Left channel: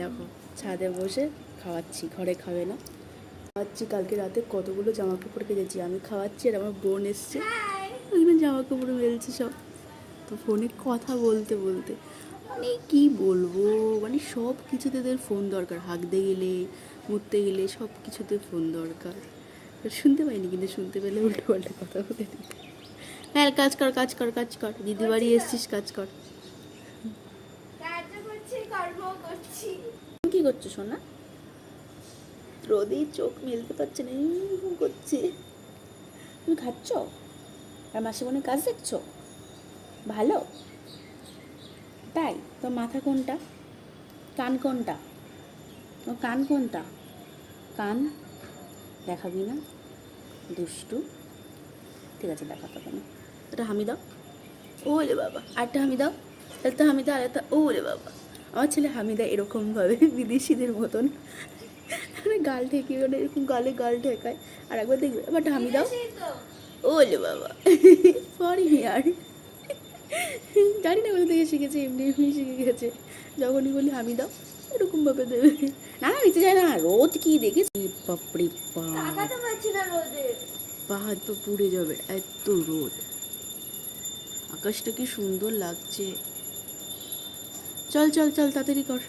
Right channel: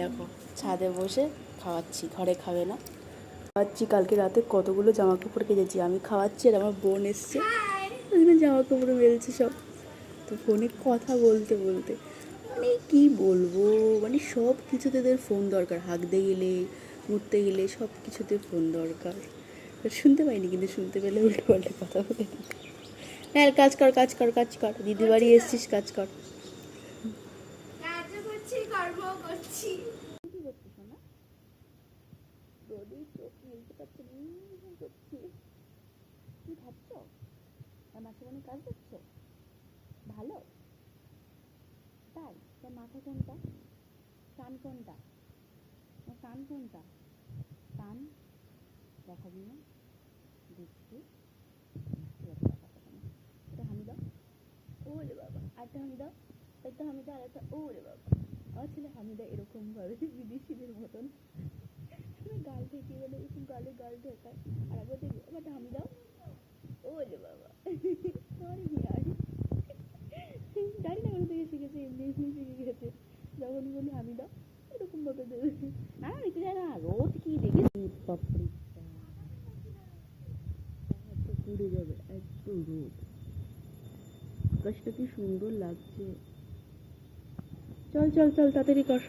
দেখো ছাদে বসে খাওয়াচ্ছি, ঘরে খাবে না। খাওয়াচ্ছি, কালকে রাতে কতগুলো জামা কাপড় কেচেছি আমি, খাওয়াচ্ছি আর আমার বোন এসছে, ওইখানে জামা কাপড় মেলছে সব। তো ফোনে কথা বলতে বলতে মানে কী বলবো, মানে সব কিছুতে এদের ফোন দরকার, হাঁকতে গেলে মুততে গেলে সব কিছুতে ফোন দরকার। শুনতে পাইনি কিন্তু শুনতে পেলে উল্টো পাল্টা কথা বলে দিই। হ্যাঁ কাজ কর কাজ কর কাজ কর, দিদি বাড়ি এসছিস কাজ কর। কি করছো সোনা? রোদে চোখ মেলতে পারছে না, করছে। তুমি খাচ্ছ আর মাসিমণির কাজ দেখছো? ভালো তাই? তো মাথা কোনটা, কান কোনটা, ও কান কোনটা? কান দেখাবি না, দুষ্টু। ঠিক আছে দেখাতে হবে না। এটা হামি দাও, ও রে বাবা, আরেকটা হামি দাও, একটা হামি দাও, আরেকটা, ও রে বাবা। আমার ছেলে হামি দেয় এরকমভাবে বিদেশিদের মতন, মানে গাল ঠেকিয়ে ওটা এরকম গালে গাল ঠেকায়। আর একবার দেখবে এবার হামি দাও, ও রে বাবা সরি আর জানি না কোথা থেকে শিখেছে, এমনি এমনি শিখে গেছে। যখনই বলি হামি দাও এরকমভাবে দেবে। না না নিচে যায় না, রোদ কি দেখেছি বাপরে বাপ, পা হাত পা পুড়ে যাবে এত রোদ। আকাশটা কি সুন্দর লাগছে। চল চল চল তাড়াতাড়ি কর।